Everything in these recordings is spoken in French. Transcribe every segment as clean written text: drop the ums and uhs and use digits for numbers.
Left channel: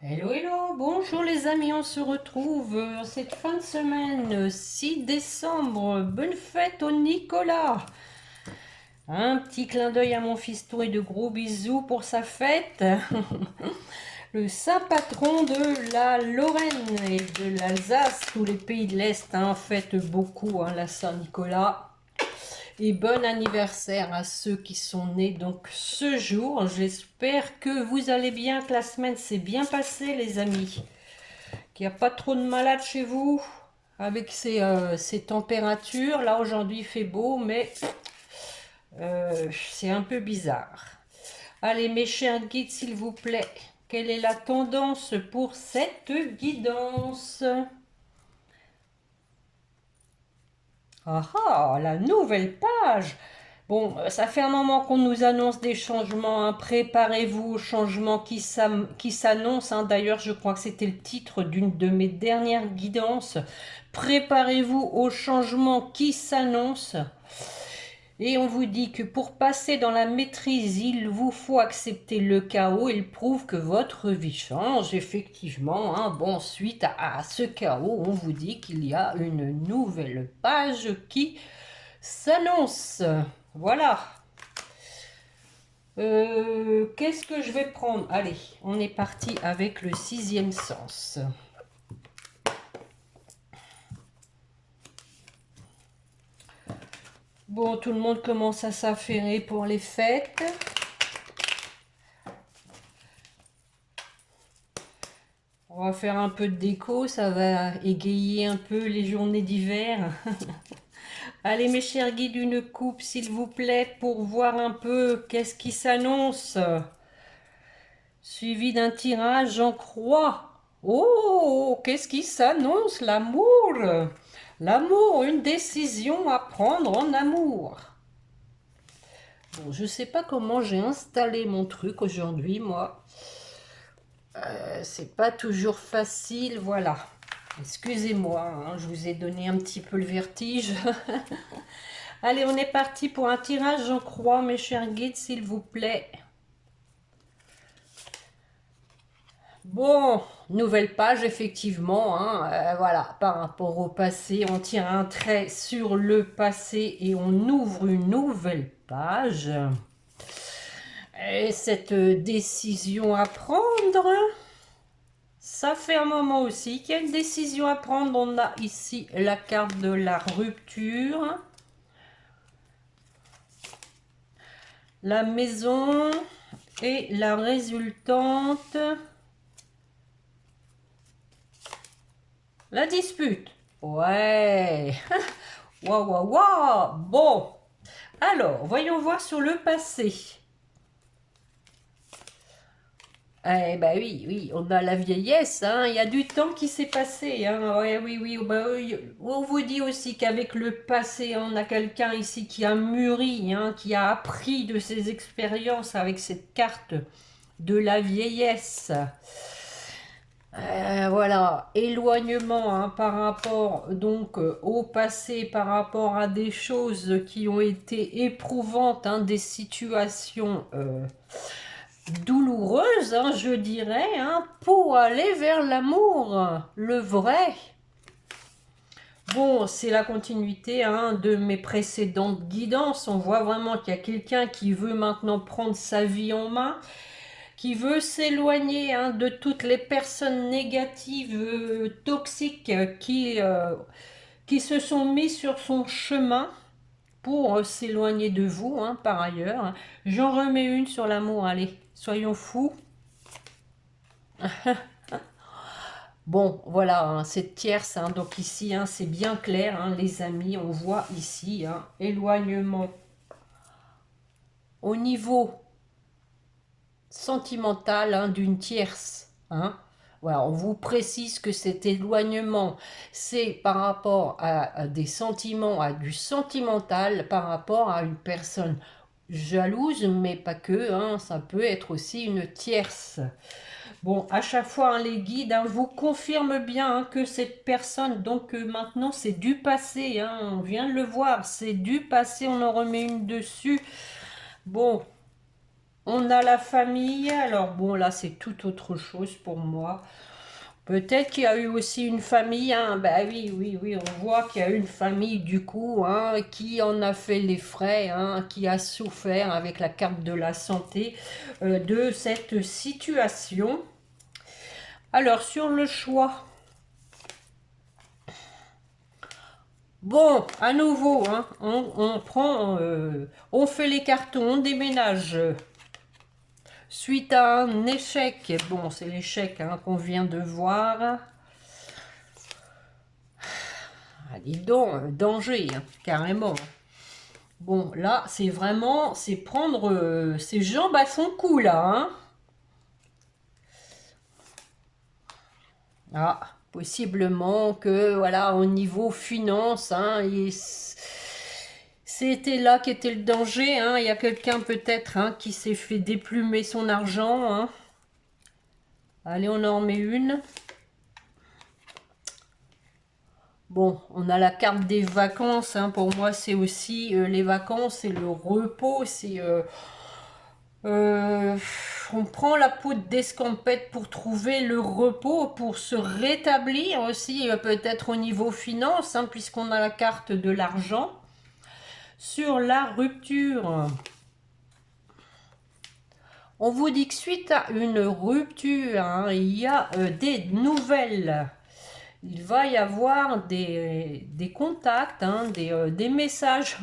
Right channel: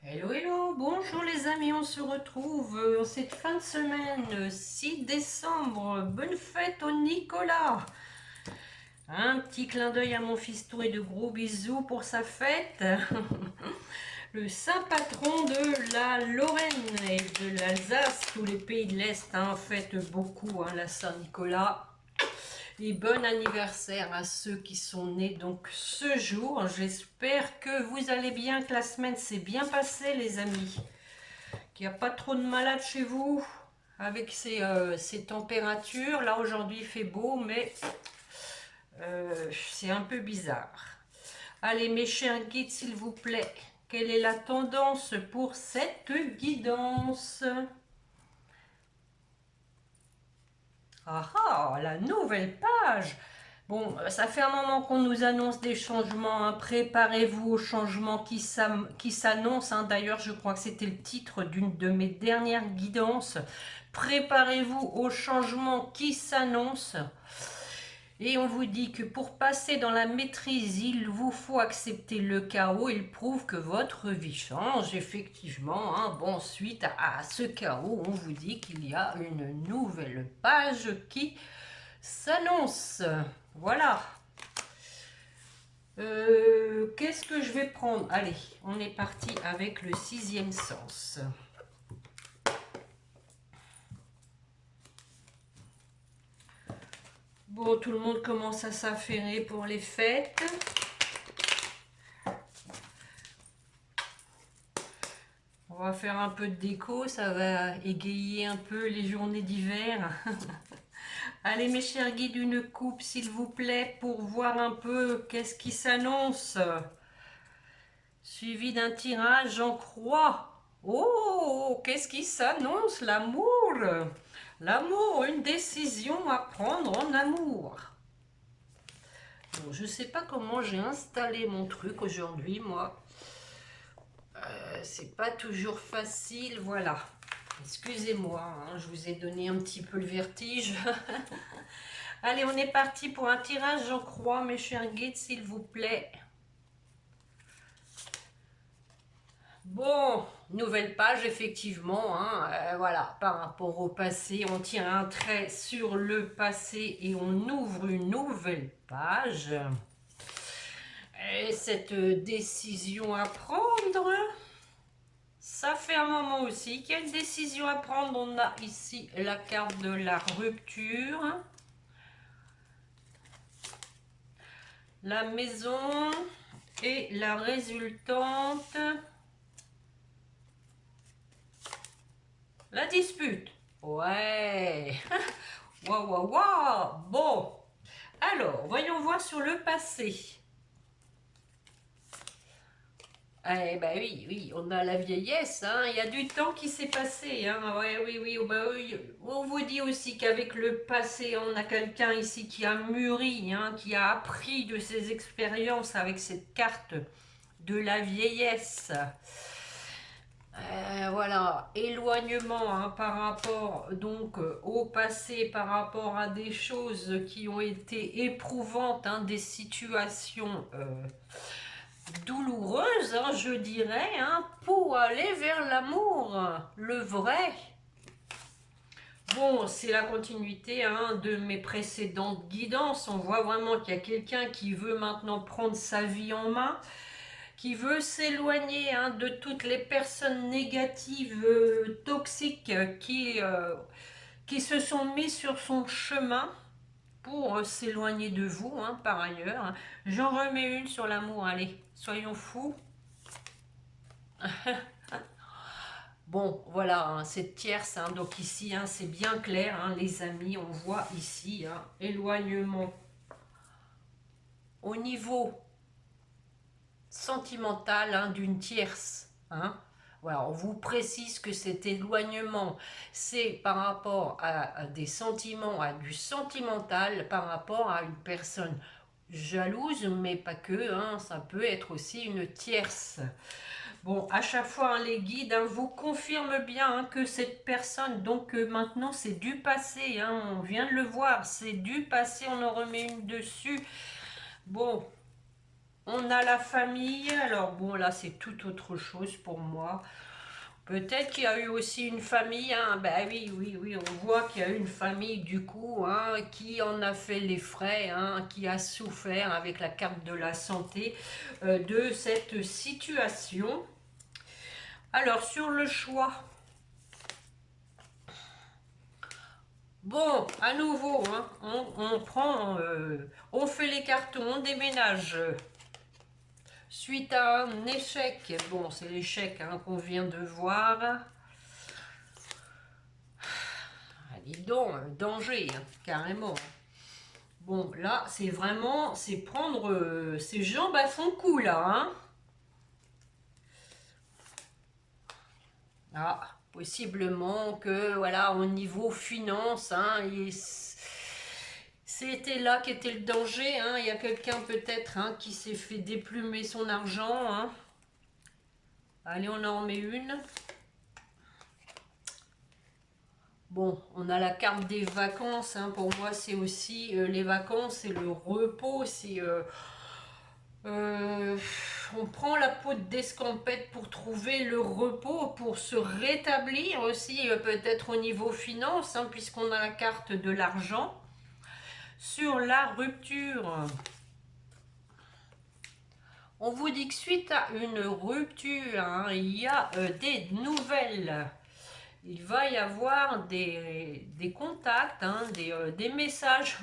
Hello, hello, bonjour les amis, on se retrouve en cette fin de semaine, 6 décembre, bonne fête au Nicolas. Un petit clin d'œil à mon fiston et de gros bisous pour sa fête. Le saint patron de la Lorraine et de l'Alsace, tous les pays de l'Est fêtent beaucoup la Saint-Nicolas. Et bon anniversaire à ceux qui sont nés donc ce jour. J'espère que vous allez bien, que la semaine s'est bien passée les amis. Qu'il n'y a pas trop de malades chez vous avec ces températures. Là aujourd'hui il fait beau mais c'est un peu bizarre. Allez mes chers guides s'il vous plaît, quelle est la tendance pour cette guidance? Ah ah, la nouvelle page. Bon, ça fait un moment qu'on nous annonce des changements. Préparez-vous aux changements qui s'annoncent. D'ailleurs, je crois que c'était le titre d'une de mes dernières guidances. Préparez-vous aux changements qui s'annoncent. Et on vous dit que pour passer dans la maîtrise, il vous faut accepter le chaos. Il prouve que votre vie change, effectivement. Bon, suite à ce chaos, on vous dit qu'il y a une nouvelle page qui s'annonce. Voilà. Qu'est-ce que je vais prendre? Allez, on est parti avec le sixième sens. Bon, tout le monde commence à s'affairer pour les fêtes. On va faire un peu de déco, ça va égayer un peu les journées d'hiver. Allez mes chers guides, une coupe s'il vous plaît pour voir un peu qu'est-ce qui s'annonce. Suivi d'un tirage en croix. Oh, qu'est-ce qui s'annonce? L'amour. L'amour, une décision à prendre en amour. Bon, je sais pas comment j'ai installé mon truc aujourd'hui, moi. C'est pas toujours facile, voilà. Excusez-moi, je vous ai donné un petit peu le vertige. Allez, on est parti pour un tirage en croix, mes chers guides, s'il vous plaît. Bon, nouvelle page, effectivement. Voilà, par rapport au passé, on tire un trait sur le passé et on ouvre une nouvelle page. Et cette décision à prendre, ça fait un moment aussi qu'il y a une décision à prendre. On a ici la carte de la rupture. La maison et la résultante. La dispute. Ouais. Waouh, waouh, waouh. Bon. Alors, voyons voir sur le passé. Eh ben oui, oui, on a la vieillesse, il y a du temps qui s'est passé, ouais, oui, oui, bah oui. On vous dit aussi qu'avec le passé, on a quelqu'un ici qui a mûri, qui a appris de ses expériences avec cette carte de la vieillesse. Voilà, éloignement par rapport donc au passé, par rapport à des choses qui ont été éprouvantes, des situations douloureuse, je dirais, pour aller vers l'amour, le vrai. Bon, c'est la continuité de mes précédentes guidances. On voit vraiment qu'il y a quelqu'un qui veut maintenant prendre sa vie en main, qui veut s'éloigner de toutes les personnes négatives, toxiques, qui se sont mis sur son chemin pour s'éloigner de vous, par ailleurs. J'en remets une sur l'amour, allez, soyons fous. Bon, voilà, cette tierce, donc ici, c'est bien clair, les amis, on voit ici, éloignement au niveau sentimental d'une tierce. Voilà, on vous précise que cet éloignement, c'est par rapport à des sentiments, à du sentimental, par rapport à une personne jalouse, mais pas que, ça peut être aussi une tierce. Bon, à chaque fois, les guides vous confirment bien que cette personne, donc maintenant, c'est du passé. On vient de le voir, c'est du passé, on en remet une dessus. Bon, On a la famille. Alors bon, là, c'est tout autre chose pour moi. Peut-être qu'il y a eu aussi une famille, hein. Ben oui, oui, oui, on voit qu'il y a eu une famille du coup, hein, qui en a fait les frais, hein, qui a souffert avec la carte de la santé de cette situation. Alors, sur le choix, bon, à nouveau, hein, on prend, on fait les cartons, on déménage. Suite à un échec, bon, c'est l'échec, hein, qu'on vient de voir. Ah, dis donc, danger, hein, carrément. Bon, là, c'est vraiment, c'est prendre ses jambes à son cou, là, hein. Ah, possiblement que, voilà, au niveau finance, hein, c'était là qu'était le danger, hein. Il y a quelqu'un peut-être, hein, qui s'est fait déplumer son argent, hein. Allez, on en met une. Bon, on a la carte des vacances, hein. Pour moi, c'est aussi les vacances, c'est le repos, c'est... Euh, on prend la peau d'escampette pour trouver le repos, pour se rétablir aussi, peut-être au niveau finance, hein, puisqu'on a la carte de l'argent. Sur la rupture, on vous dit que suite à une rupture, hein, il y a des nouvelles. Il va y avoir des contacts, hein, des messages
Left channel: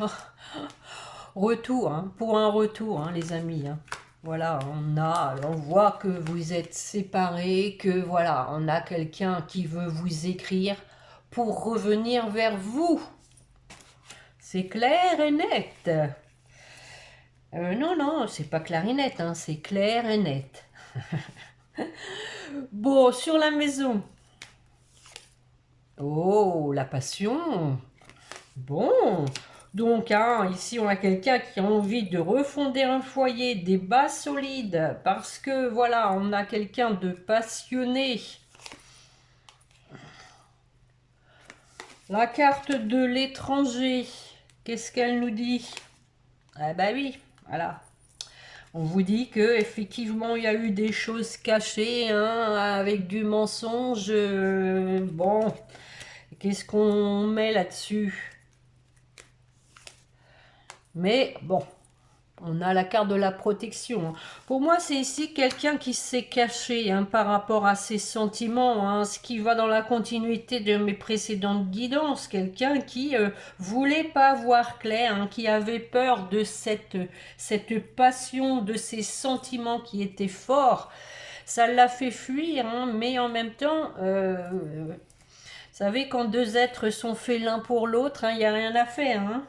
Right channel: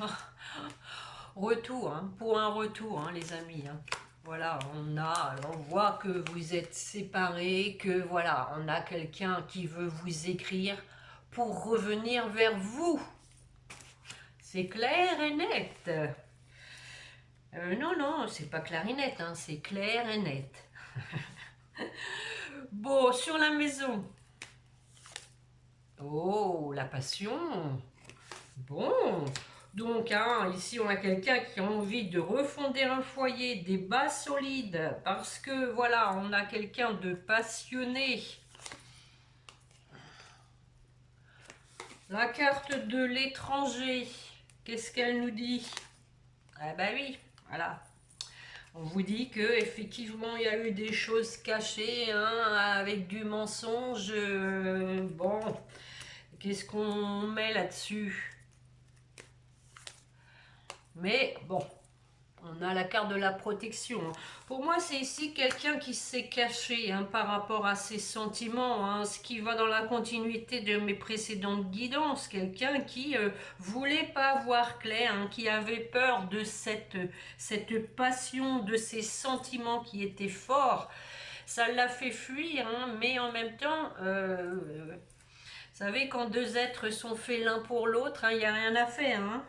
retour, hein, pour un retour, hein, les amis, hein. Voilà, on voit que vous êtes séparés, que voilà, on a quelqu'un qui veut vous écrire pour revenir vers vous. C'est clair et net. Non, non, c'est pas clair et net, hein, c'est clair et net. Bon, sur la maison. Oh, la passion. Bon, donc hein, ici on a quelqu'un qui a envie de refonder un foyer, des bases solides, parce que voilà, on a quelqu'un de passionné. La carte de l'étranger, qu'est-ce qu'elle nous dit? Ah bah oui, voilà. On vous dit que effectivement il y a eu des choses cachées, hein, avec du mensonge. Bon, qu'est-ce qu'on met là-dessus? Mais bon, on a la carte de la protection, hein. Pour moi, c'est ici quelqu'un qui s'est caché, hein, par rapport à ses sentiments, hein, ce qui va dans la continuité de mes précédentes guidances. Quelqu'un qui voulait pas voir clair, hein, qui avait peur de cette passion, de ces sentiments qui étaient forts. Ça l'a fait fuir, hein, mais en même temps, vous savez, quand deux êtres sont faits l'un pour l'autre, hein, il n'y a rien à faire, hein.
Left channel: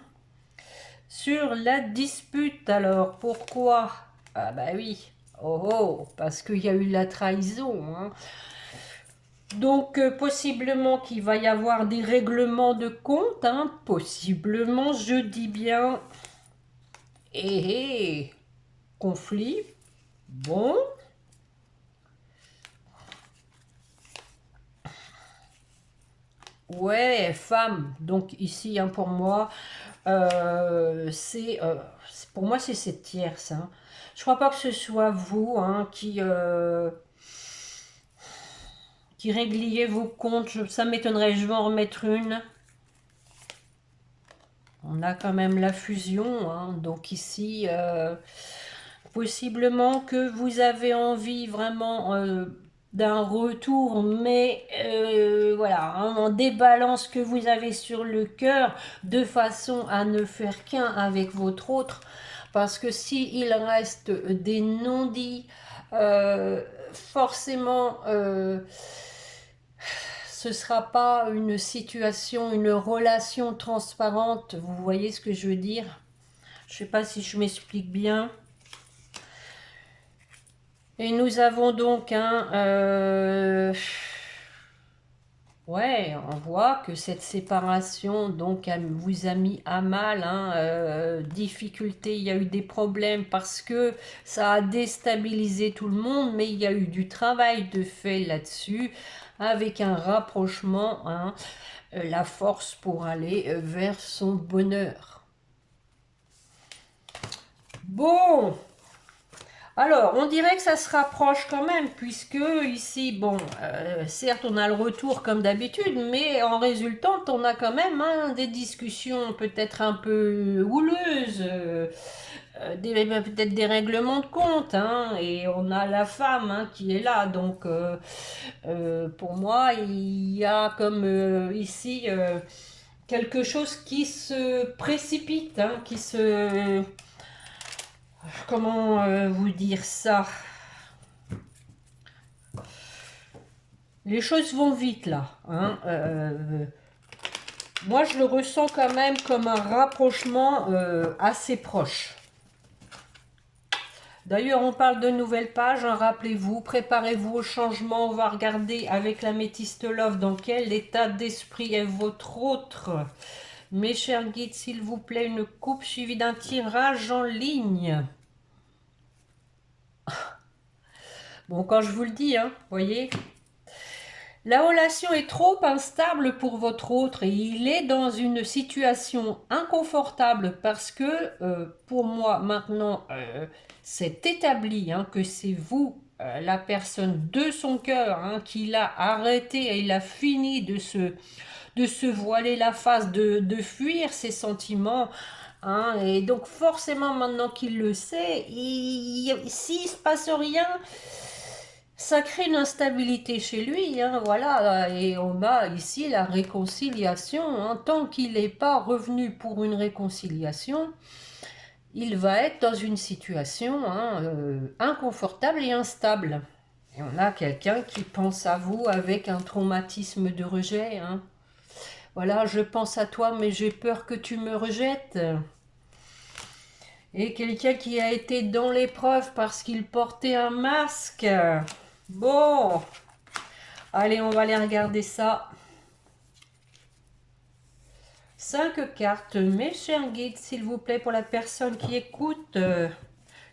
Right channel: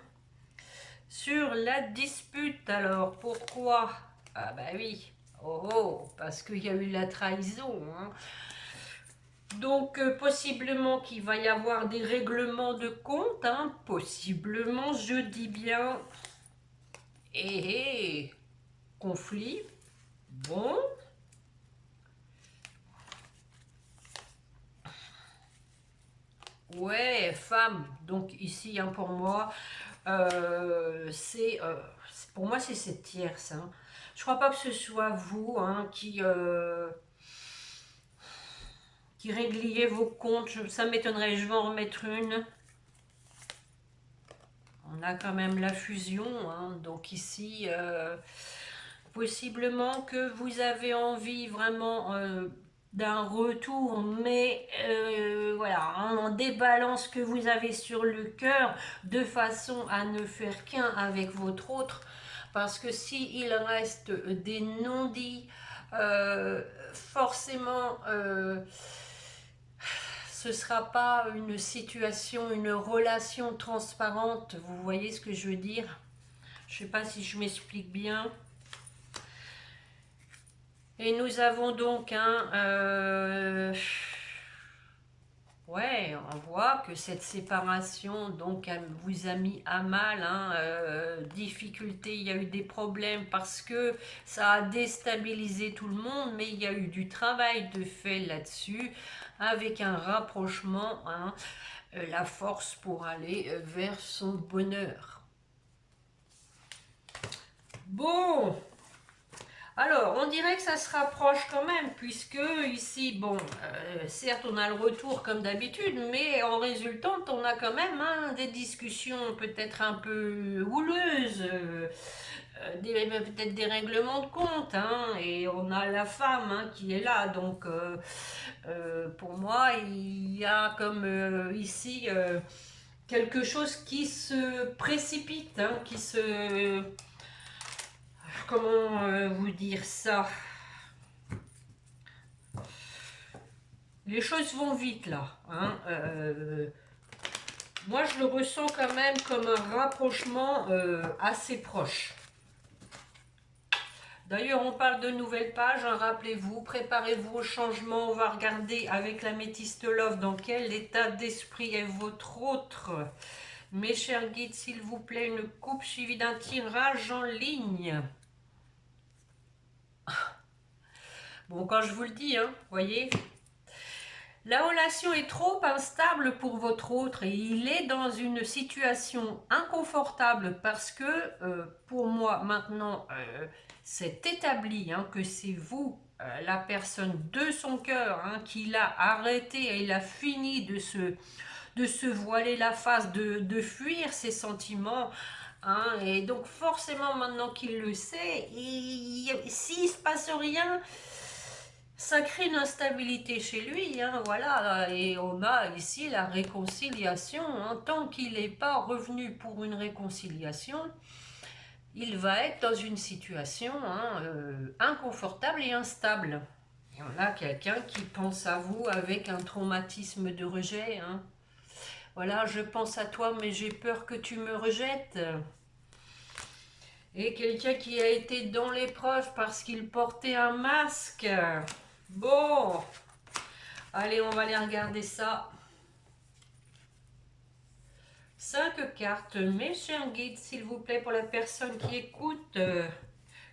Sur la dispute, alors, pourquoi? Ah bah oui, oh oh, parce qu'il y a eu la trahison, hein. Donc, possiblement qu'il va y avoir des règlements de compte, hein, possiblement, je dis bien. Et conflit, bon. Ouais, femme, donc ici, hein, pour moi, pour moi, c'est cette tierce, hein. Je crois pas que ce soit vous, hein, qui régliez vos comptes. Ça m'étonnerait, je vais en remettre une. On a quand même la fusion, hein. Donc ici, possiblement que vous avez envie vraiment d'un retour, mais voilà, hein, on débalance ce que vous avez sur le cœur de façon à ne faire qu'un avec votre autre. Parce que s'il reste des non-dits, forcément, ce ne sera pas une situation, une relation transparente. Vous voyez ce que je veux dire? Je ne sais pas si je m'explique bien. Et nous avons donc un... ouais, on voit que cette séparation donc vous a mis à mal, hein, difficulté, il y a eu des problèmes parce que ça a déstabilisé tout le monde, mais il y a eu du travail de fait là-dessus, avec un rapprochement, hein, la force pour aller vers son bonheur. Bon, Alors, on dirait que ça se rapproche quand même, puisque ici, bon, certes, on a le retour comme d'habitude, mais en résultante, on a quand même hein, des discussions peut-être un peu houleuses, peut-être des règlements de compte, hein, et on a la femme hein, qui est là. Donc, pour moi, il y a comme ici quelque chose qui se précipite, hein, qui se... Comment vous dire ça? Les choses vont vite là. Hein. Moi, je le ressens quand même comme un rapprochement assez proche. D'ailleurs, on parle de nouvelles pages. Hein, rappelez-vous, préparez-vous au changement. On va regarder avec la métiste Love dans quel état d'esprit est votre autre. Mes chers guides, s'il vous plaît, une coupe suivie d'un tirage en ligne. Bon, quand je vous le dis, hein, voyez, la relation est trop instable pour votre autre et il est dans une situation inconfortable parce que pour moi maintenant c'est établi hein, que c'est vous la personne de son cœur hein, qui l'a arrêté et il a fini de se voiler la face, de fuir ses sentiments. Hein, et donc forcément maintenant qu'il le sait, s'il ne se passe rien, ça crée une instabilité chez lui, hein, voilà, et on a ici la réconciliation. Hein, tant qu'il n'est pas revenu pour une réconciliation, il va être dans une situation hein, inconfortable et instable. Et on a quelqu'un qui pense à vous avec un traumatisme de rejet. Hein. Voilà, je pense à toi, mais j'ai peur que tu me rejettes. Et quelqu'un qui a été dans l'épreuve parce qu'il portait un masque. Bon, allez, on va aller regarder ça. 5 cartes, mes chers guides, s'il vous plaît, pour la personne qui écoute.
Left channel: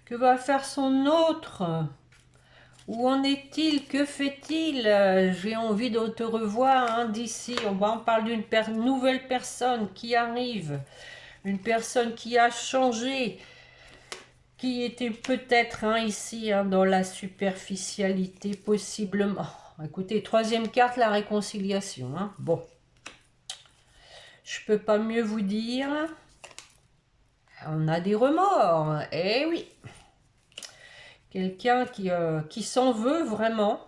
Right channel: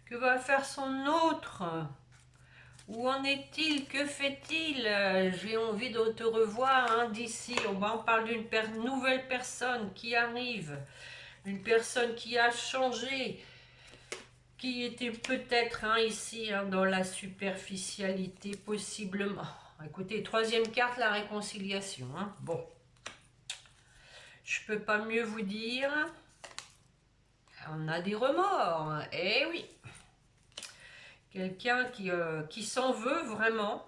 Que va faire son autre? Où en est-il? Que fait-il? J'ai envie de te revoir hein, d'ici. On parle d'une nouvelle personne qui arrive. Une personne qui a changé. Qui était peut-être hein, ici hein, dans la superficialité, possiblement. Écoutez, troisième carte, la réconciliation. Hein. Bon. Je peux pas mieux vous dire. On a des remords. Eh oui. Quelqu'un qui s'en veut vraiment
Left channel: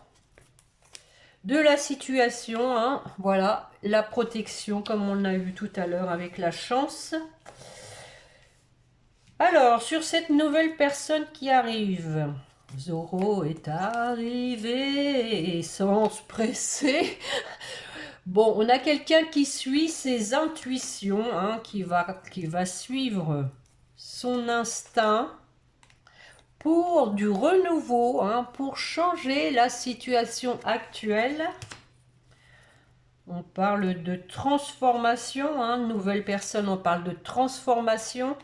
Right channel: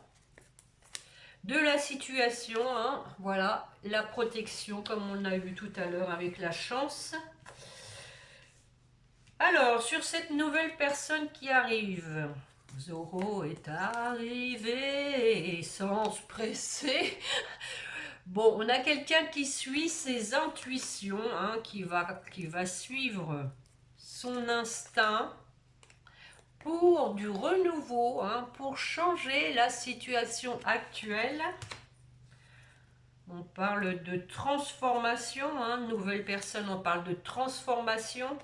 de la situation. Hein. Voilà. La protection, comme on a vu tout à l'heure avec la chance. Alors, sur cette nouvelle personne qui arrive. Zoro est arrivé sans se presser. Bon, on a quelqu'un qui suit ses intuitions, hein, qui va suivre son instinct pour du renouveau, hein, pour changer la situation actuelle. On parle de transformation, hein, nouvelle personne, on parle de transformation.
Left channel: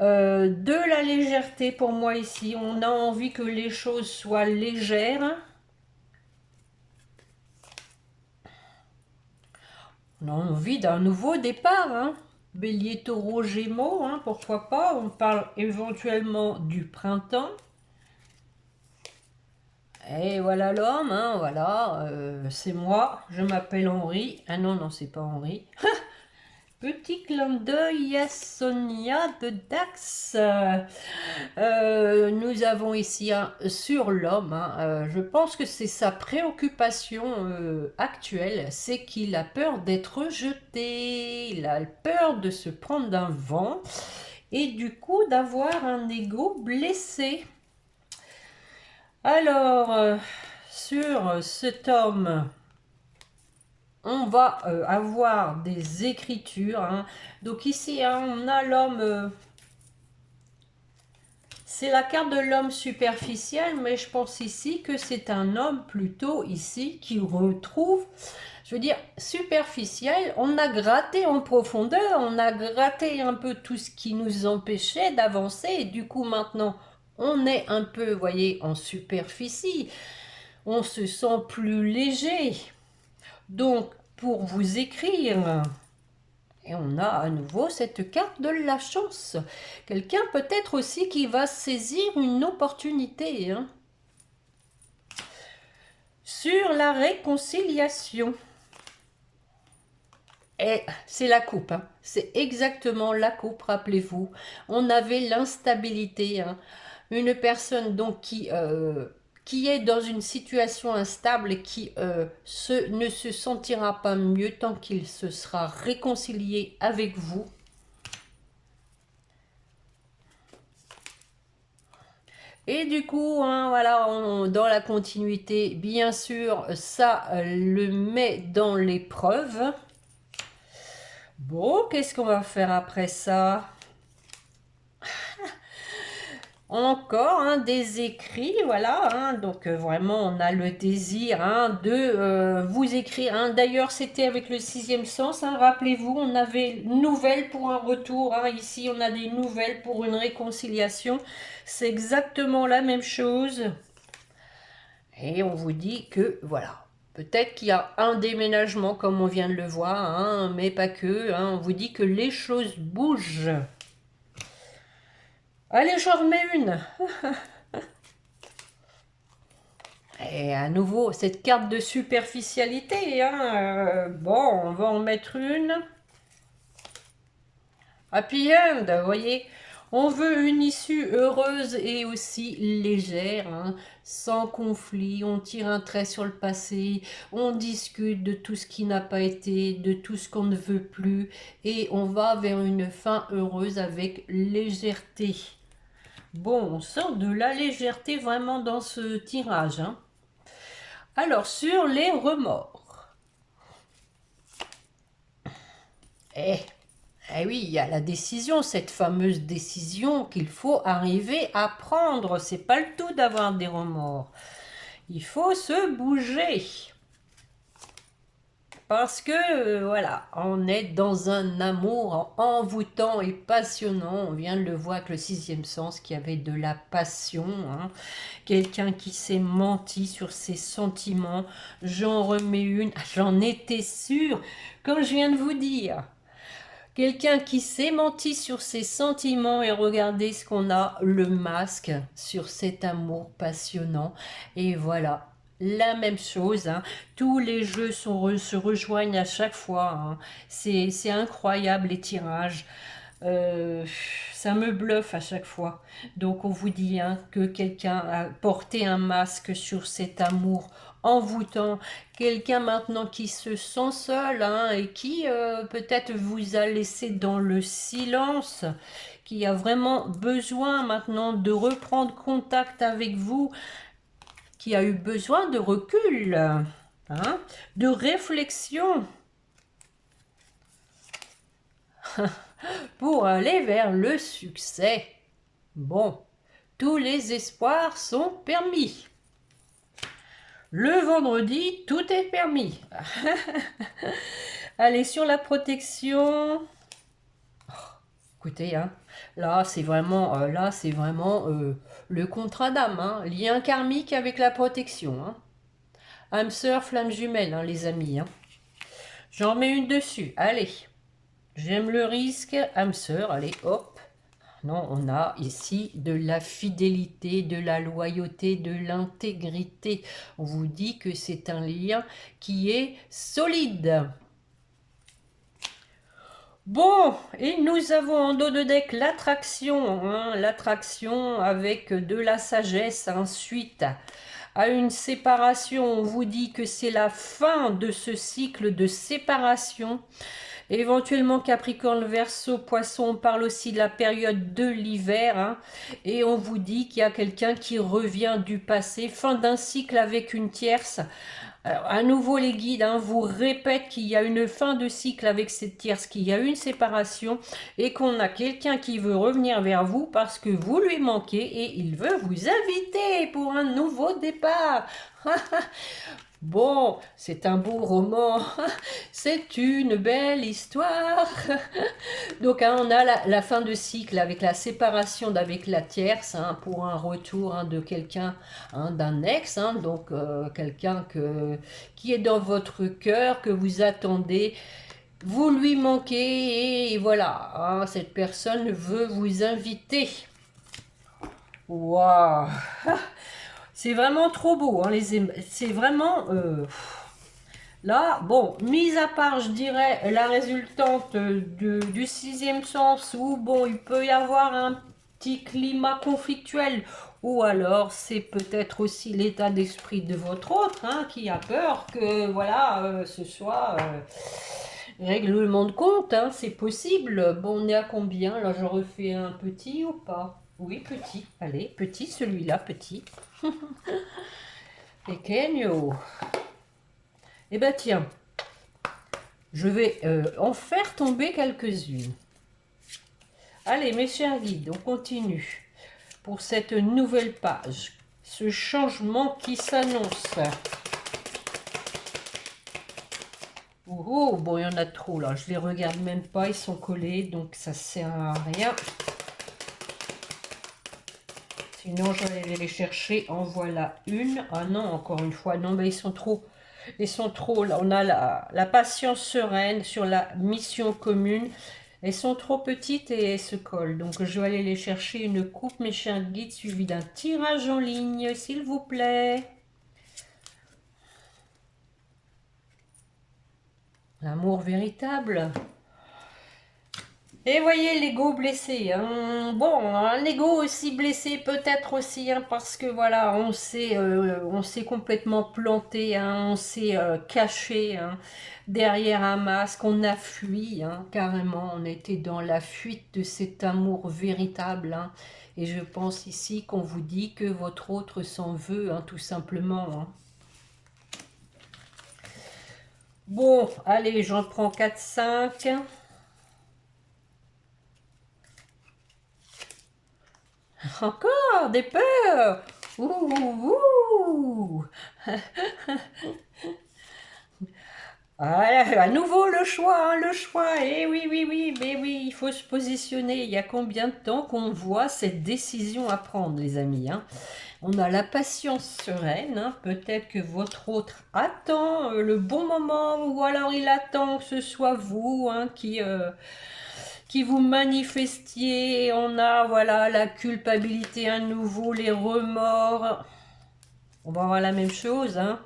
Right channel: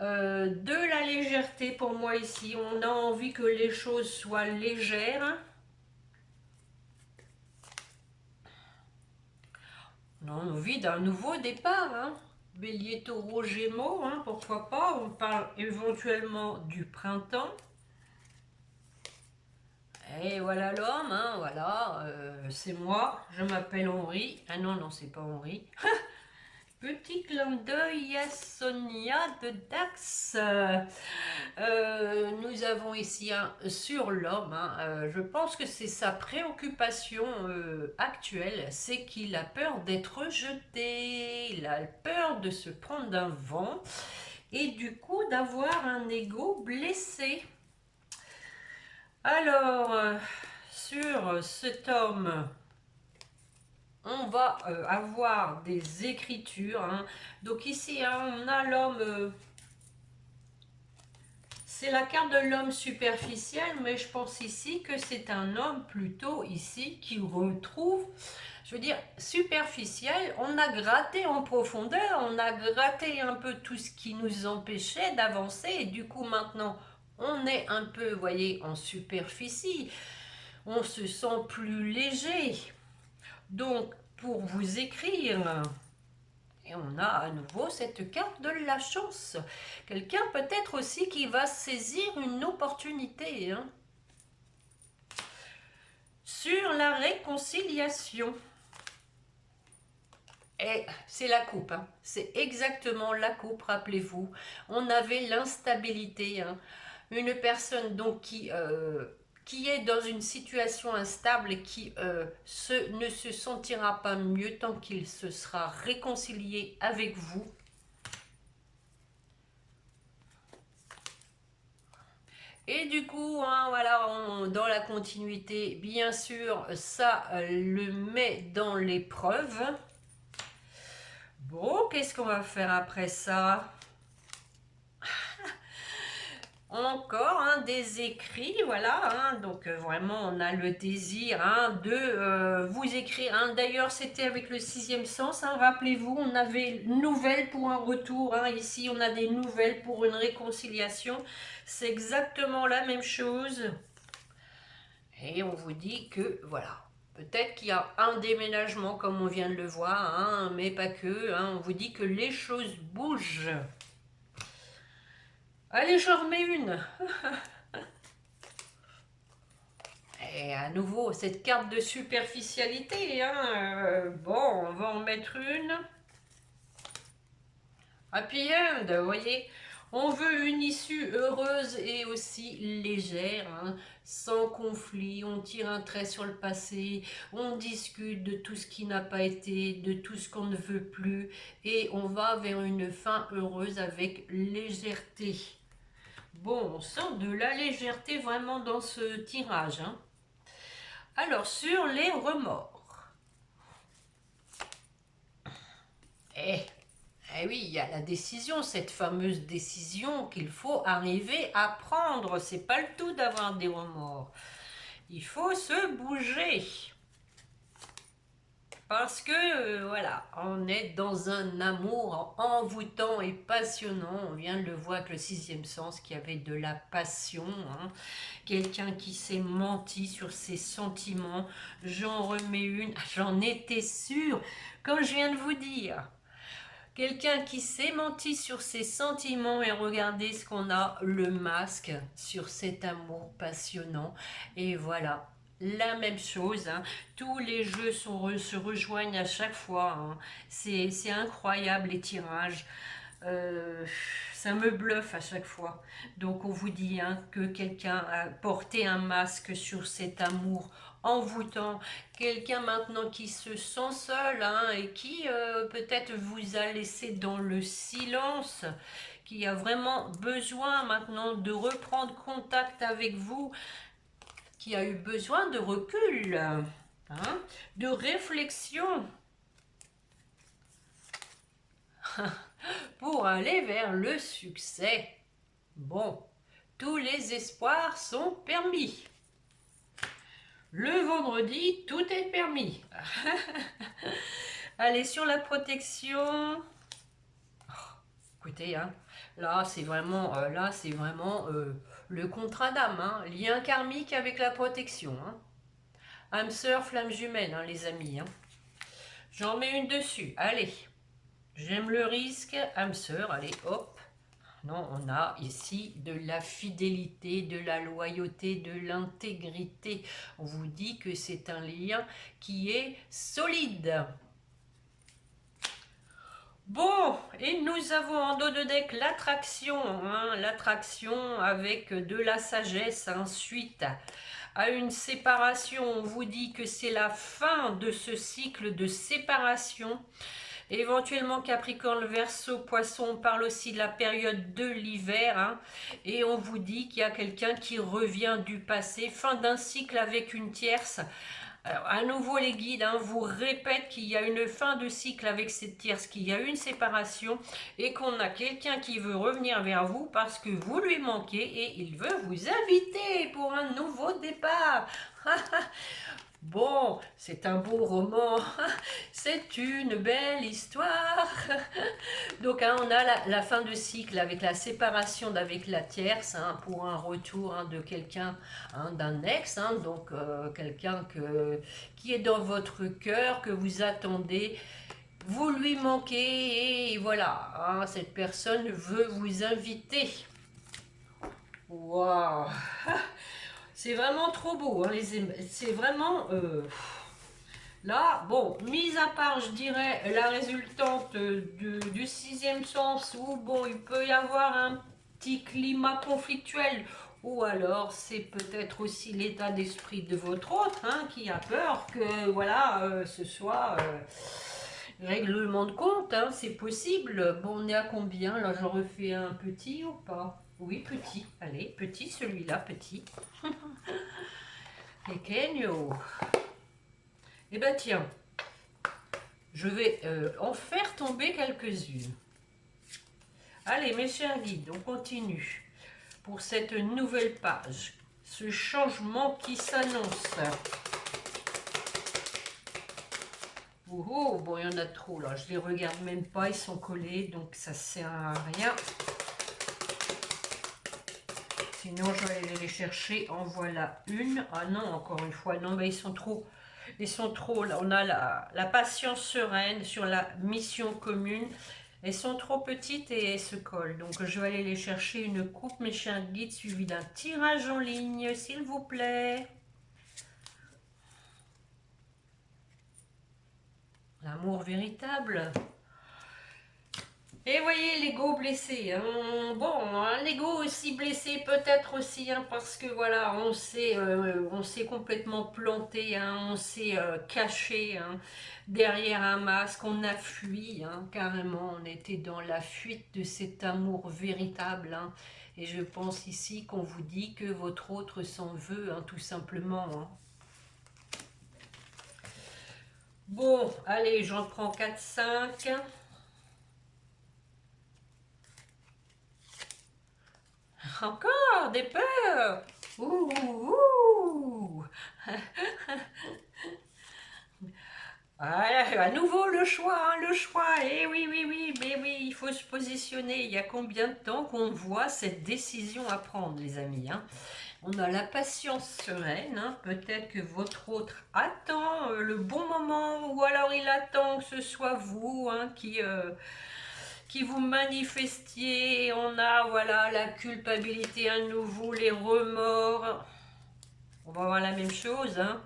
De la légèreté pour moi ici, on a envie que les choses soient légères. On a envie d'un nouveau départ, hein. Bélier, taureau, gémeaux, hein, pourquoi pas. On parle éventuellement du printemps. Et voilà l'homme, hein, voilà, c'est moi, je m'appelle Henri. Ah non, non, c'est pas Henri. Petit clin d'œil à Sonia de Dax. Nous avons ici sur l'homme, hein, je pense que c'est sa préoccupation actuelle, c'est qu'il a peur d'être rejeté, il a peur de se prendre d'un vent et du coup d'avoir un ego blessé. Alors, sur cet homme, on va avoir des écritures. Hein. Donc ici, hein, on a l'homme... c'est la carte de l'homme superficiel, mais je pense ici que c'est un homme plutôt ici qui retrouve... Je veux dire, superficiel, on a gratté en profondeur, on a gratté un peu tout ce qui nous empêchait d'avancer. Et du coup, maintenant, on est un peu, vous voyez, en superficie. On se sent plus léger. Donc, pour vous écrire, Et on a à nouveau cette carte de la chance. Quelqu'un peut-être aussi qui va saisir une opportunité, hein. Sur la réconciliation. Et c'est la coupe, hein. C'est exactement la coupe, rappelez-vous. On avait l'instabilité, hein. Une personne donc qui est dans une situation instable et qui ne se sentira pas mieux tant qu'il se sera réconcilié avec vous. Et du coup, hein, voilà, dans la continuité, bien sûr, ça le met dans l'épreuve. Bon, qu'est-ce qu'on va faire après ça? Encore hein, des écrits, voilà, hein, donc vraiment on a le désir hein, de vous écrire. Hein. D'ailleurs c'était avec le sixième sens, hein, rappelez-vous, on avait nouvelles pour un retour, hein, ici on a des nouvelles pour une réconciliation, c'est exactement la même chose. Et on vous dit que voilà, peut-être qu'il y a un déménagement comme on vient de le voir, hein, mais pas que, hein, on vous dit que les choses bougent. Allez, j'en remets une. Et à nouveau, cette carte de superficialité, hein, bon, on va en mettre une. Happy end, vous voyez, on veut une issue heureuse et aussi légère, hein, sans conflit, on tire un trait sur le passé, on discute de tout ce qui n'a pas été, de tout ce qu'on ne veut plus, et on va vers une fin heureuse avec légèreté. Bon, on sent de la légèreté vraiment dans ce tirage, hein. Alors, sur les remords. Eh, oui, il y a la décision, cette fameuse décision qu'il faut arriver à prendre. C'est pas le tout d'avoir des remords. Il faut se bouger. Parce que, voilà, on est dans un amour envoûtant et passionnant. On vient de le voir avec le sixième sens qui avait de la passion. Hein. Quelqu'un qui s'est menti sur ses sentiments. J'en remets une. J'en étais sûre, comme je viens de vous dire. Quelqu'un qui s'est menti sur ses sentiments et regardez ce qu'on a, le masque sur cet amour passionnant. Et voilà, la même chose, hein. Tous les jeux se rejoignent à chaque fois, hein. C'est incroyable les tirages. Ça me bluffe à chaque fois. Donc on vous dit hein, que quelqu'un a porté un masque sur cet amour envoûtant, quelqu'un maintenant qui se sent seul hein, et qui peut-être vous a laissé dans le silence, qui a vraiment besoin maintenant de reprendre contact avec vous, qui a eu besoin de recul, hein, de réflexion pour aller vers le succès. Bon, tous les espoirs sont permis. Le vendredi, tout est permis. Allez, sur la protection. Oh, écoutez, hein, là, c'est vraiment, le contrat d'âme. Hein, lien karmique avec la protection. Hein. Âme sœur, flamme jumelle, hein, les amis. Hein. J'en mets une dessus. Allez. J'aime le risque. Âme sœur, allez, hop. Non, on a ici de la fidélité, de la loyauté, de l'intégrité. On vous dit que c'est un lien qui est solide. Bon, et nous avons en dos de deck l'attraction, hein, l'attraction avec de la sagesse. Ensuite, à une séparation, on vous dit que c'est la fin de ce cycle de séparation. Éventuellement Capricorne, Verseau, Poisson, on parle aussi de la période de l'hiver. Hein, et on vous dit qu'il y a quelqu'un qui revient du passé. Fin d'un cycle avec une tierce. Alors, à nouveau, les guides hein, vous répètent qu'il y a une fin de cycle avec cette tierce, qu'il y a une séparation et qu'on a quelqu'un qui veut revenir vers vous parce que vous lui manquez et il veut vous inviter pour un nouveau départ. Bon, c'est un beau roman, c'est une belle histoire. Donc hein, on a la fin de cycle avec la séparation d'avec la tierce hein, pour un retour hein, de quelqu'un, hein, d'un ex, hein, donc quelqu'un qui est dans votre cœur, que vous attendez. vous lui manquez et voilà, hein, cette personne veut vous inviter. Waouh! C'est vraiment trop beau, hein, c'est vraiment... là, bon, mis à part, je dirais, la résultante du sixième sens, où, bon, il peut y avoir un petit climat conflictuel, ou alors c'est peut-être aussi l'état d'esprit de votre autre, hein, qui a peur que, voilà, ce soit règlement de compte, hein, c'est possible. Bon, on est à combien? Là, je refais un petit ou pas? Oui, petit. Allez, petit, celui-là, petit. Pequeño. Eh ben tiens, je vais en faire tomber quelques-unes. Allez, mes chers guides, on continue pour cette nouvelle page. Ce changement qui s'annonce. Oh, oh, bon, il y en a trop là. Je les regarde même pas, ils sont collés, donc ça sert à rien. Sinon, je vais aller les chercher. En voilà une. Ah non, encore une fois, non, mais ils sont trop. Ils sont trop, là, on a la patience sereine sur la mission commune. Elles sont trop petites et elles se collent. Donc je vais aller les chercher une coupe, mes chers guides, suivi d'un tirage en ligne, s'il vous plaît. L'amour véritable. Et voyez l'ego blessé, hein. Bon, un ego aussi blessé peut-être aussi, hein, parce que voilà, on s'est complètement planté, hein, on s'est caché, hein, derrière un masque, on a fui, hein, carrément, on était dans la fuite de cet amour véritable, hein. Et je pense ici qu'on vous dit que votre autre s'en veut, hein, tout simplement, hein. Bon, allez, j'en prends 4-5. Encore des peurs. Ouh, ouh, ouh. Ah, à nouveau le choix, hein, le choix. Eh oui, oui, oui, mais oui, il faut se positionner. Il y a combien de temps qu'on voit cette décision à prendre, les amis, hein? On a la patience sereine, hein. Peut-être que votre autre attend le bon moment, ou alors il attend que ce soit vous, hein, qui vous manifestiez. On a, voilà, la culpabilité à nouveau, les remords. On va voir la même chose, hein.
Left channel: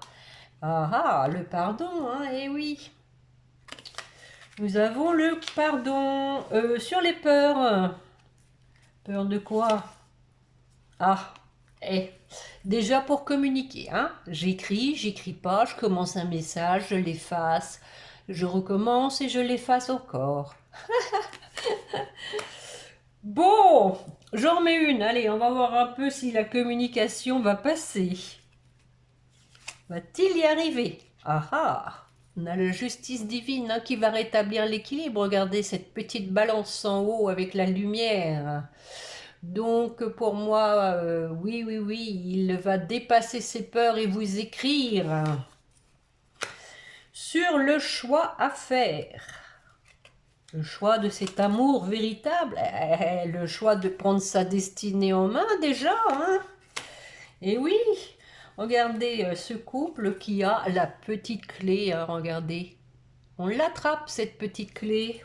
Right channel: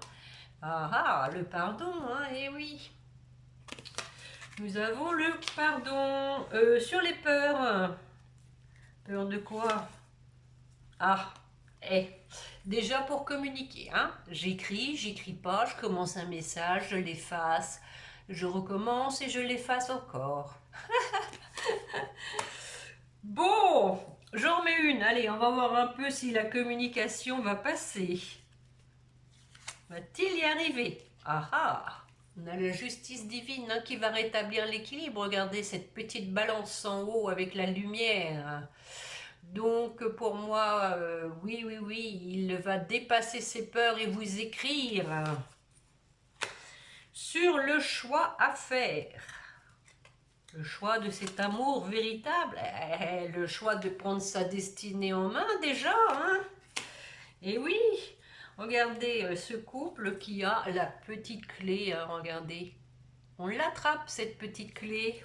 Ah ah, le pardon, hein, eh oui. Nous avons le pardon. Sur les peurs. Peur de quoi? Ah, eh. Déjà pour communiquer, hein. J'écris pas, je commence un message, je l'efface. Je recommence et je l'efface encore. Bon, j'en remets une. Allez, on va voir un peu si la communication va passer. Va-t-il y arriver? Ah ah! On a la justice divine, hein, qui va rétablir l'équilibre. Regardez cette petite balance en haut avec la lumière. Donc pour moi, oui, oui, oui, il va dépasser ses peurs et vous écrire sur le choix à faire. Le choix de cet amour véritable, le choix de prendre sa destinée en main déjà, hein. Et oui, regardez ce couple qui a la petite clé, hein, regardez. On l'attrape, cette petite clé.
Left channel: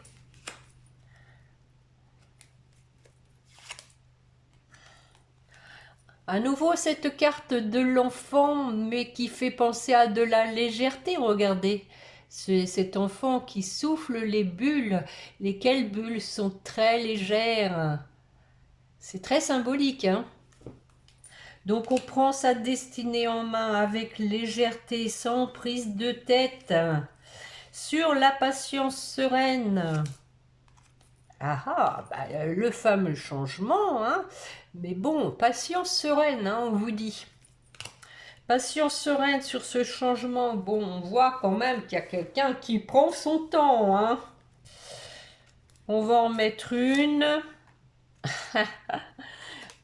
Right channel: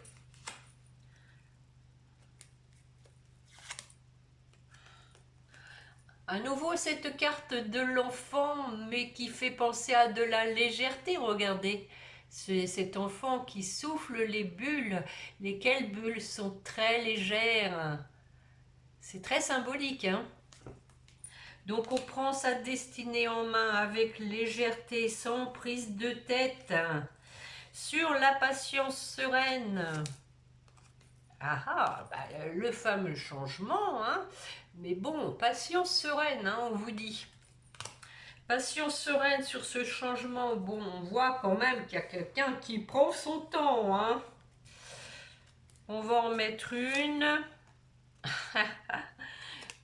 À nouveau, cette carte de l'enfant, mais qui fait penser à de la légèreté, regardez. C'est cet enfant qui souffle les bulles, lesquelles bulles sont très légères. C'est très symbolique, hein. Donc on prend sa destinée en main avec légèreté, sans prise de tête, sur la patience sereine. Ah ah, bah, le fameux changement, hein. Mais bon, patience sereine, hein, on vous dit. Patience sereine sur ce changement. Bon, on voit quand même qu'il y a quelqu'un qui prend son temps, hein. On va en mettre une.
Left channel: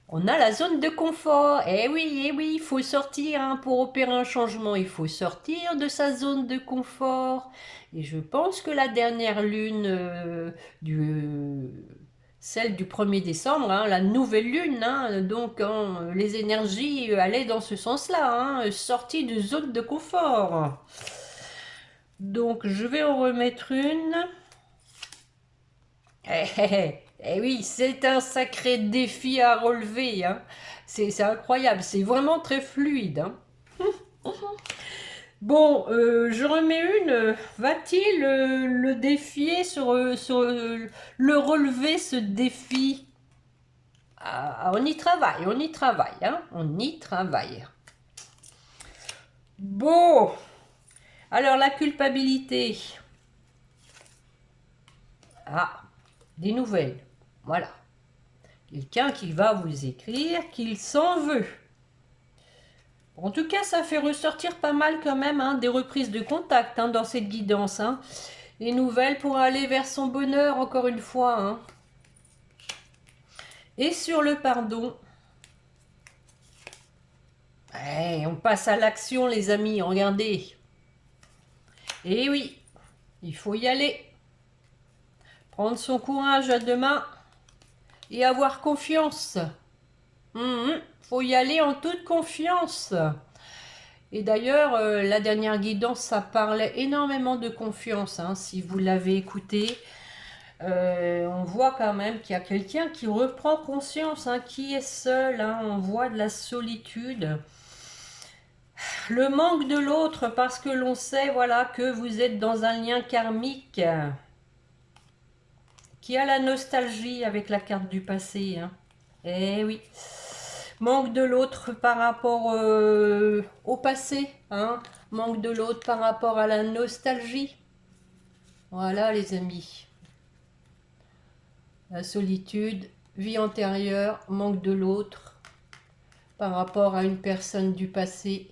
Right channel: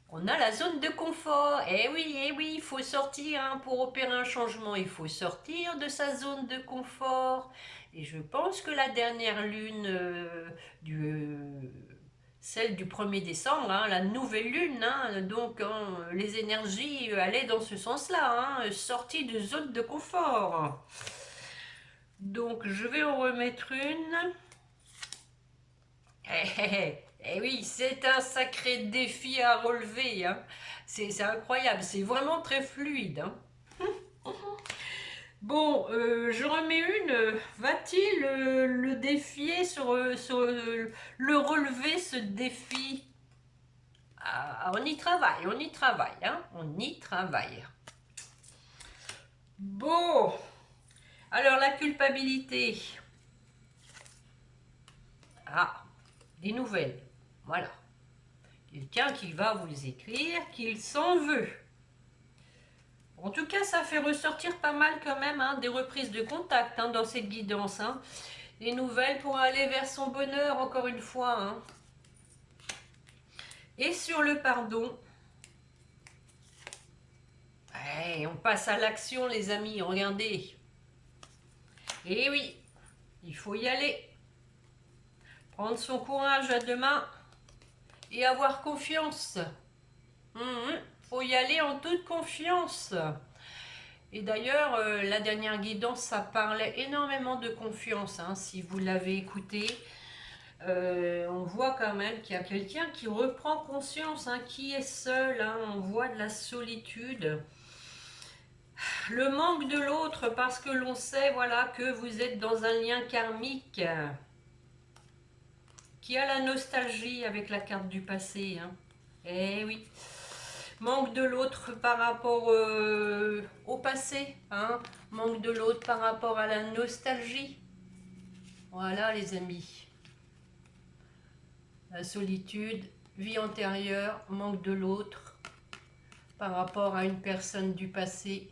On a la zone de confort. Eh oui, il faut sortir, hein, pour opérer un changement. Il faut sortir de sa zone de confort. Et je pense que la dernière lune, celle du 1er décembre, hein, la nouvelle lune, hein, donc hein, les énergies allaient dans ce sens-là, hein, sortie de zone de confort. Donc, je vais en remettre une. Eh oui, c'est un sacré défi à relever, hein. C'est incroyable, c'est vraiment très fluide, hein. Bon, je remets une. Va-t-il le défier le relever, ce défi? Ah, on y travaille, hein. On y travaille. Bon, alors la culpabilité. Ah, des nouvelles. Voilà. Quelqu'un qui va vous écrire qu'il s'en veut. En tout cas, ça fait ressortir pas mal quand même, hein, des reprises de contact, hein, dans cette guidance, hein. Des nouvelles pour aller vers son bonheur, encore une fois, hein. Et sur le pardon, on passe à l'action, les amis, regardez. Et oui, il faut y aller. Prendre son courage à deux mains et avoir confiance. Faut y aller en toute confiance. Et d'ailleurs, la dernière guidance, ça parlait énormément de confiance, hein, si vous l'avez écouté. On voit quand même qu'il y a quelqu'un qui reprend conscience, hein, qui est seul, hein, on voit de la solitude. Le manque de l'autre parce que l'on sait, voilà, que vous êtes dans un lien karmique qui a la nostalgie avec la carte du passé, hein. Eh oui. Manque de l'autre par rapport au passé, hein. Manque de l'autre par rapport à la nostalgie. Voilà les amis. La solitude, vie antérieure, manque de l'autre par rapport à une personne du passé.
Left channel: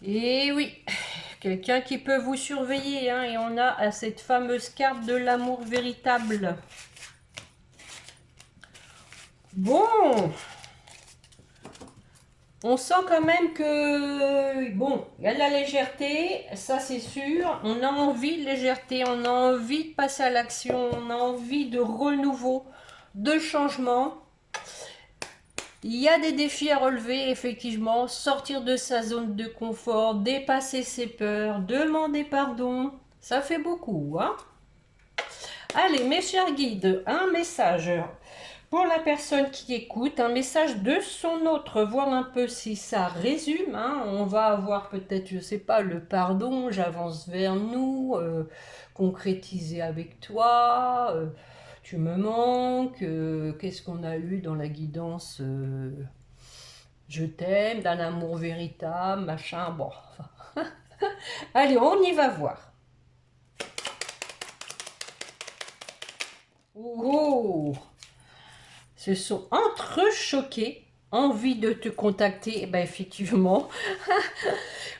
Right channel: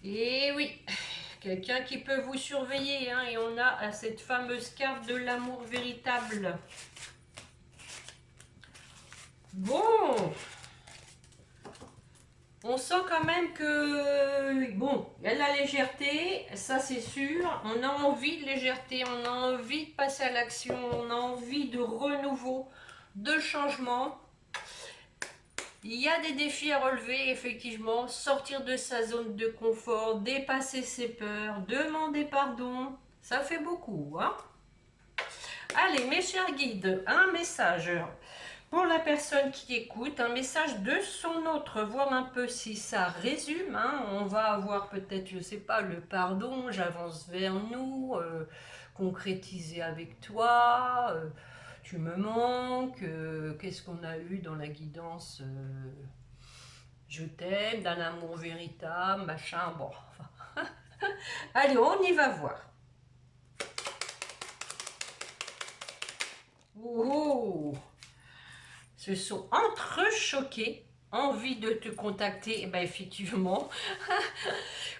Et oui, quelqu'un qui peut vous surveiller, hein, et on a cette fameuse carte de l'amour véritable. Bon, on sent quand même que, bon, il y a de la légèreté, ça c'est sûr. On a envie de légèreté, on a envie de passer à l'action, on a envie de renouveau, de changement. Il y a des défis à relever, effectivement. Sortir de sa zone de confort, dépasser ses peurs, demander pardon. Ça fait beaucoup, hein? Allez, mes chers guides, un message pour la personne qui écoute, un message de son autre, voir un peu si ça résume, hein. On va avoir peut-être, je sais pas, le pardon, j'avance vers nous, concrétiser avec toi, tu me manques, qu'est-ce qu'on a eu dans la guidance, je t'aime, d'un amour véritable, machin, bon. Allez, on y va voir. Oh, se sont entrechoqués, envie de te contacter, eh ben effectivement,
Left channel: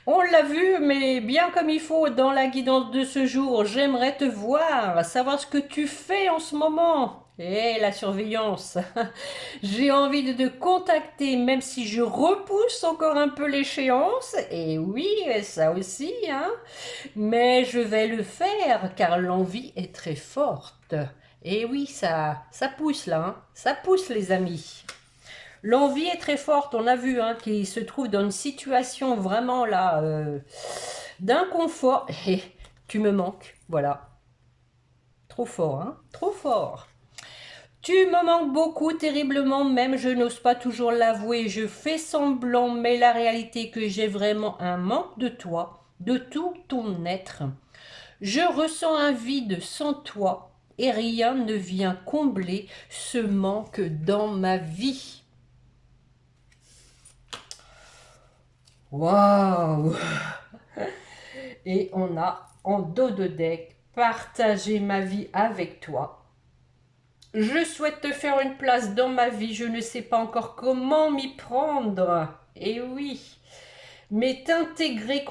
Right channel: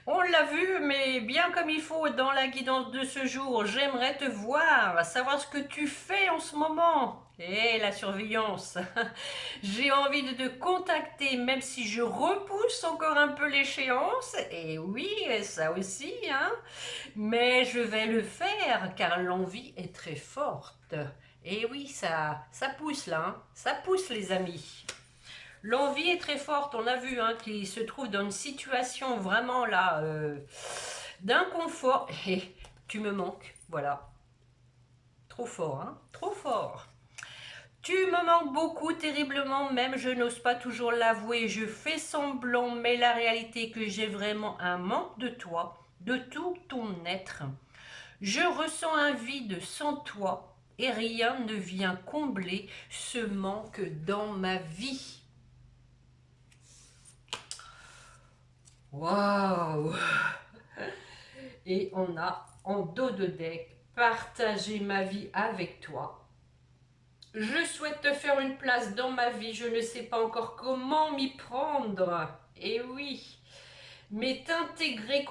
on l'a vu, mais bien comme il faut dans la guidance de ce jour, j'aimerais te voir, savoir ce que tu fais en ce moment. Et la surveillance, j'ai envie de te contacter, même si je repousse encore un peu l'échéance, et oui, ça aussi, hein, mais je vais le faire, car l'envie est très forte. Et oui, ça pousse là, hein. Ça pousse les amis. L'envie est très forte, on a vu, hein, qu'il se trouve dans une situation vraiment là, d'inconfort. Et tu me manques, voilà. Trop fort, hein, trop fort. Tu me manques beaucoup, terriblement même, je n'ose pas toujours l'avouer, je fais semblant, mais la réalité est que j'ai vraiment un manque de toi, de tout ton être. Je ressens un vide sans toi et rien ne vient combler ce manque dans ma vie. Waouh! Et on a en dos de deck partagé ma vie avec toi. Je souhaite te faire une place dans ma vie, je ne sais pas encore comment m'y prendre. Et oui, mais t'intégrer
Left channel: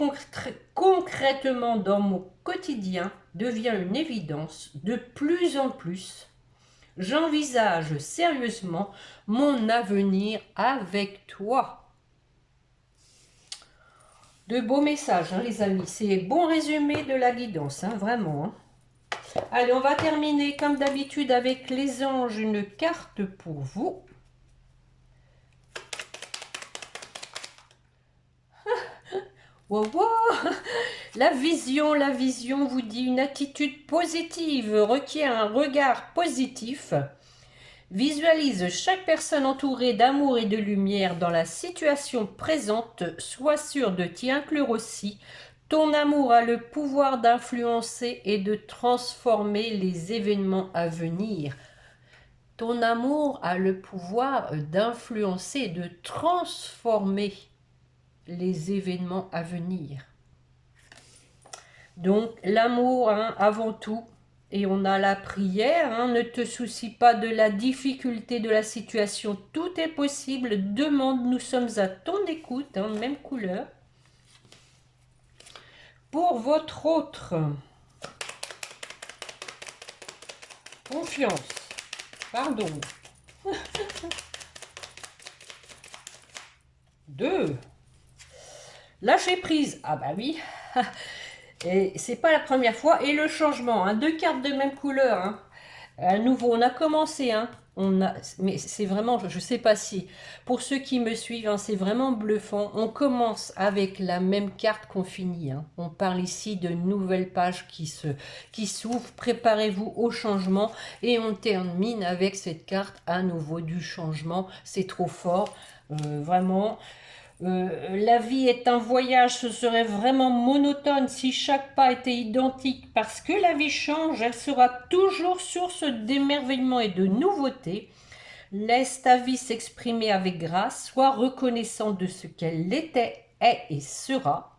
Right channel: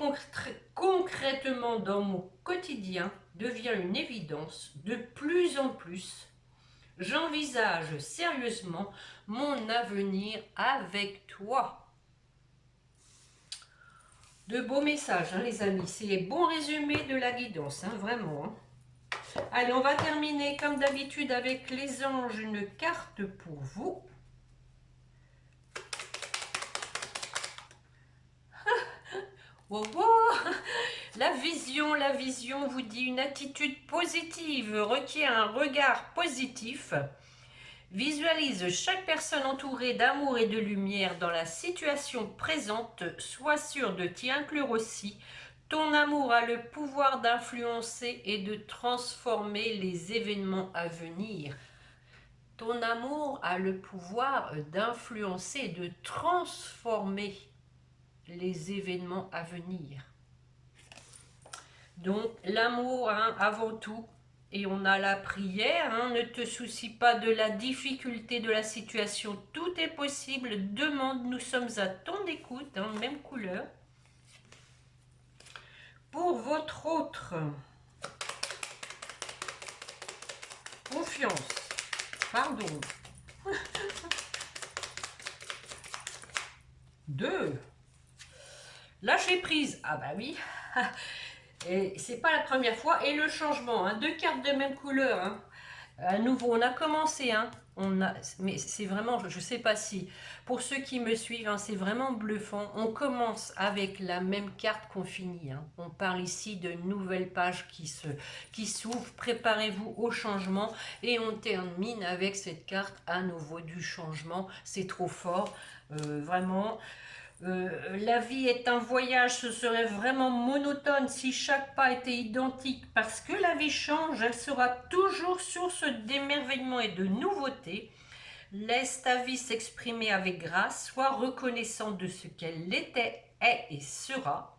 concrètement dans mon quotidien devient une évidence de plus en plus. J'envisage sérieusement mon avenir avec toi. De beaux messages, hein, les amis. C'est bon résumé de la guidance, hein, vraiment. Hein. Allez, on va terminer comme d'habitude avec les anges, une carte pour vous. Wow, wow. La vision vous dit une attitude positive requiert un regard positif. Visualise chaque personne entourée d'amour et de lumière dans la situation présente. Sois sûr de t'y inclure aussi. Ton amour a le pouvoir d'influencer et de transformer les événements à venir. Ton amour a le pouvoir d'influencer et de transformer les événements à venir. Donc l'amour hein, avant tout. Et on a la prière, hein, ne te soucie pas de la difficulté de la situation, tout est possible, demande, nous sommes à ton écoute, hein, même couleur. Pour votre autre, confiance, pardon. 2. Lâcher prise, ah bah oui. Et c'est pas la première fois. Et le changement, hein, 2 cartes de même couleur. Hein. À nouveau, on a commencé, hein. Mais c'est vraiment, je sais pas si, pour ceux qui me suivent, hein, c'est vraiment bluffant. On commence avec la même carte qu'on finit. Hein. On parle ici de nouvelles pages qui s'ouvrent. Préparez-vous au changement. Et on termine avec cette carte à nouveau du changement. C'est trop fort, vraiment. La vie est un voyage, ce serait vraiment monotone si chaque pas était identique. Parce que la vie change, elle sera toujours source d'émerveillement et de nouveauté. Laisse ta vie s'exprimer avec grâce, sois reconnaissant de ce qu'elle était, est et sera.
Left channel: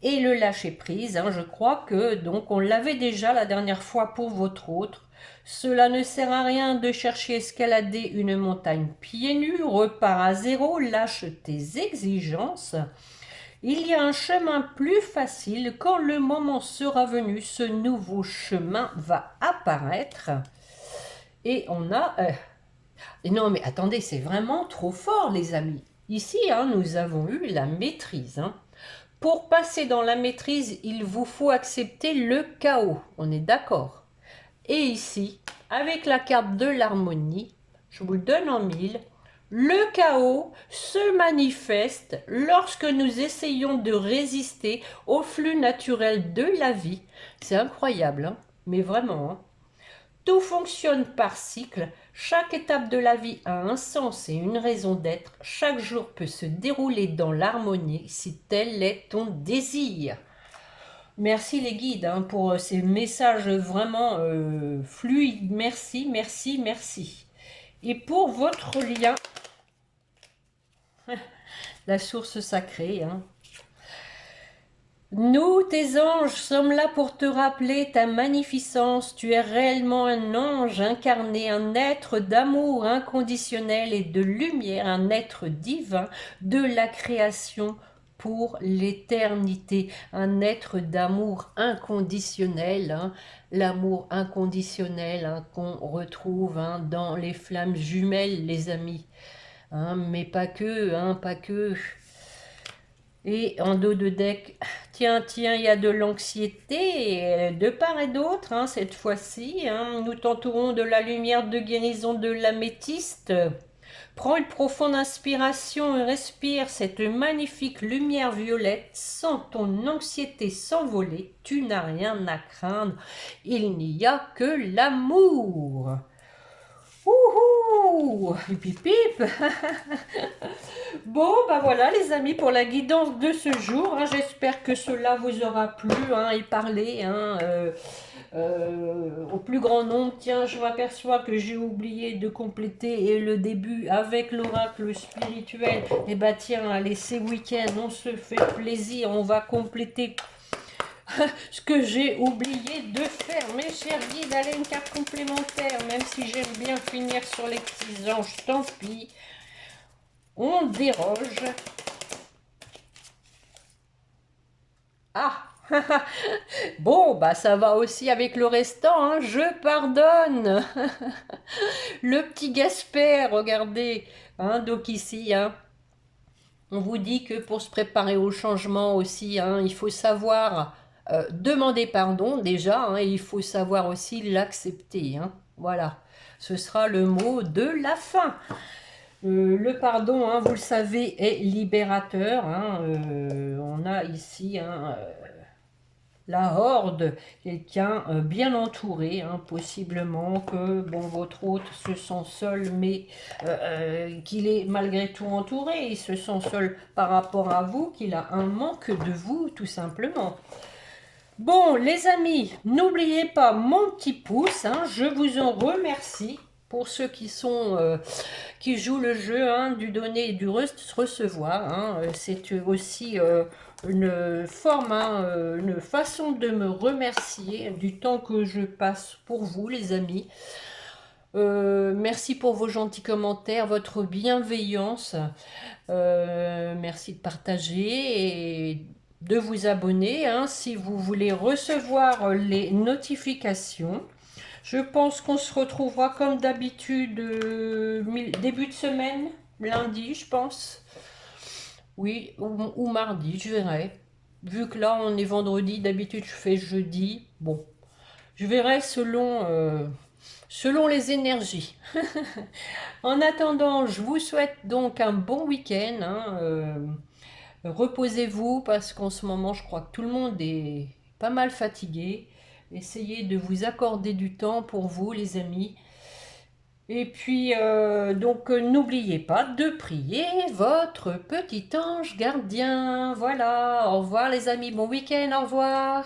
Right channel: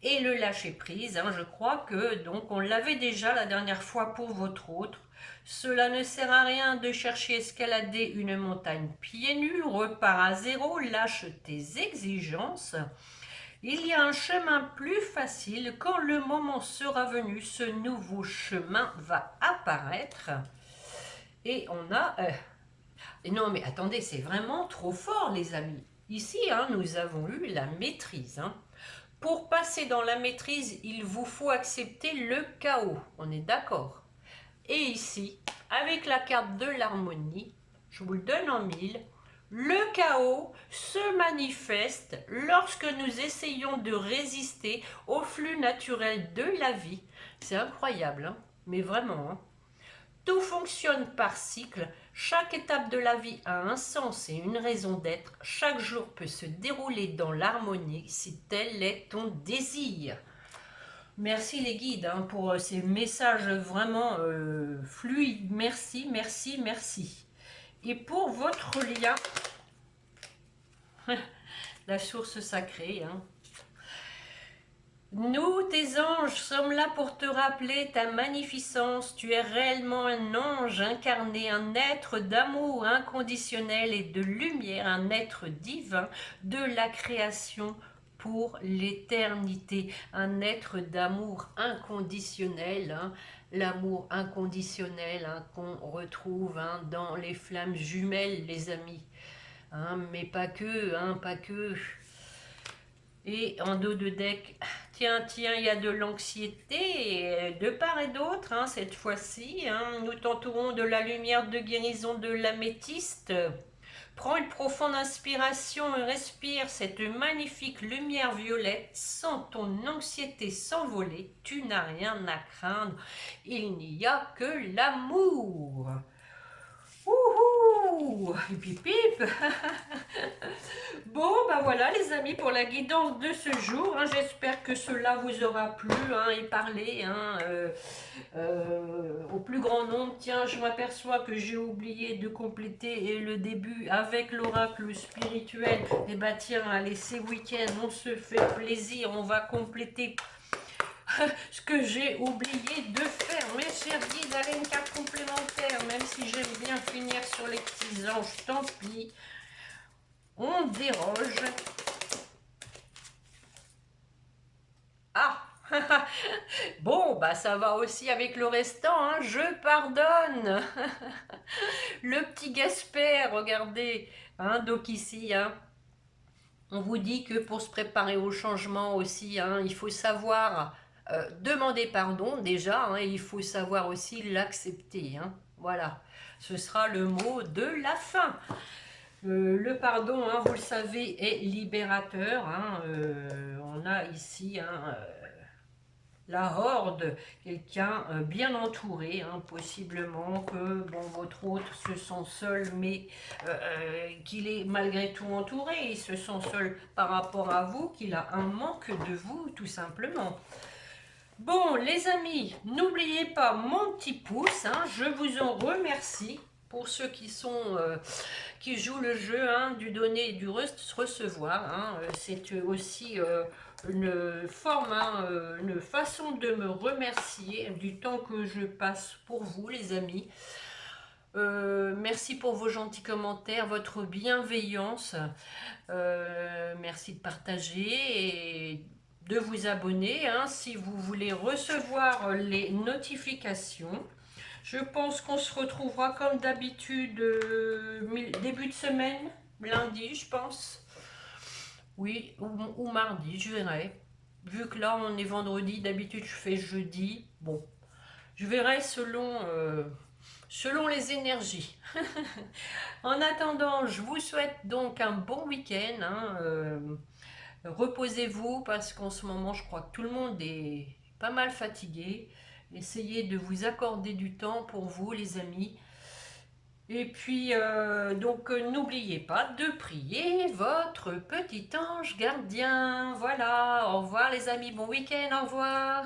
Et le lâcher prise, hein, je crois que donc on l'avait déjà la dernière fois pour votre autre. Cela ne sert à rien de chercher à escalader une montagne pieds nus, repars à zéro, lâche tes exigences. Il y a un chemin plus facile, quand le moment sera venu, ce nouveau chemin va apparaître. Et on a... Et non mais attendez, c'est vraiment trop fort les amis. Ici, hein, nous avons eu la maîtrise. Hein. Pour passer dans la maîtrise, il vous faut accepter le chaos. On est d'accord? Et ici, avec la carte de l'harmonie, je vous le donne en mille, le chaos se manifeste lorsque nous essayons de résister au flux naturel de la vie. C'est incroyable, hein, mais vraiment. Hein. Tout fonctionne par cycle. Chaque étape de la vie a un sens et une raison d'être. Chaque jour peut se dérouler dans l'harmonie si tel est ton désir. Merci les guides hein, pour ces messages vraiment fluides. Merci, merci, merci. Et pour votre lien, la source sacrée. Hein. Nous, tes anges, sommes là pour te rappeler ta magnificence. Tu es réellement un ange incarné, un être d'amour inconditionnel et de lumière, un être divin de la création pour l'éternité, un être d'amour inconditionnel, hein, l'amour inconditionnel hein, qu'on retrouve hein, dans les flammes jumelles, les amis. Hein, mais pas que, hein, pas que. Et en dos de deck, tiens, il y a de l'anxiété de part et d'autre, hein, cette fois-ci. Hein, nous t'entourons de la lumière de guérison de l'améthyste. Prends une profonde inspiration et respire cette magnifique lumière violette. Sens ton anxiété s'envoler. Tu n'as rien à craindre. Il n'y a que l'amour. Ouhou, pip pip. Bon, bah voilà les amis pour la guidance de ce jour. Hein, j'espère que cela vous aura plu hein, et parlé hein, au plus grand nombre. Tiens, je m'aperçois que j'ai oublié de compléter le début avec l'oracle spirituel. Et bah tiens, allez, c'est week-end, on se fait plaisir, on va compléter ce que j'ai oublié de faire. Mes chers guides, allez, une carte complémentaire, même si j'aime bien finir sur les petits anges, tant pis. On déroge. Ah bon, bah ça va aussi avec le restant, hein. Je pardonne. Le petit Gasper, regardez. Hein, donc ici, hein, on vous dit que pour se préparer au changement aussi, hein, il faut savoir demander pardon déjà, hein, et il faut savoir aussi l'accepter. Hein. Voilà, ce sera le mot de la fin. Le pardon, hein, vous le savez, est libérateur. Hein, on a ici la horde, quelqu'un bien entouré, hein, possiblement que bon, votre hôte se sent seul, mais qu'il est malgré tout entouré, il se sent seul par rapport à vous, qu'il a un manque de vous, tout simplement. Bon, les amis, n'oubliez pas mon petit pouce, hein, je vous en remercie pour ceux qui jouent le jeu, hein, du donner et du recevoir, hein. C'est aussi une forme, hein, une façon de me remercier du temps que je passe pour vous, les amis. Merci pour vos gentils commentaires, votre bienveillance. Merci de partager et de vous abonner, hein, si vous voulez recevoir les notifications. Je pense qu'on se retrouvera comme d'habitude début de semaine, lundi, je pense. Oui, ou mardi, je verrai. Vu que là, on est vendredi, d'habitude, je fais jeudi. Bon, je verrai selon les énergies. En attendant, je vous souhaite donc un bon week-end, hein, reposez-vous parce qu'en ce moment, je crois que tout le monde est pas mal fatigué. Essayez de vous accorder du temps pour vous, les amis. Et puis, n'oubliez pas de prier votre petit ange gardien. Voilà, au revoir les amis, bon week-end, au revoir.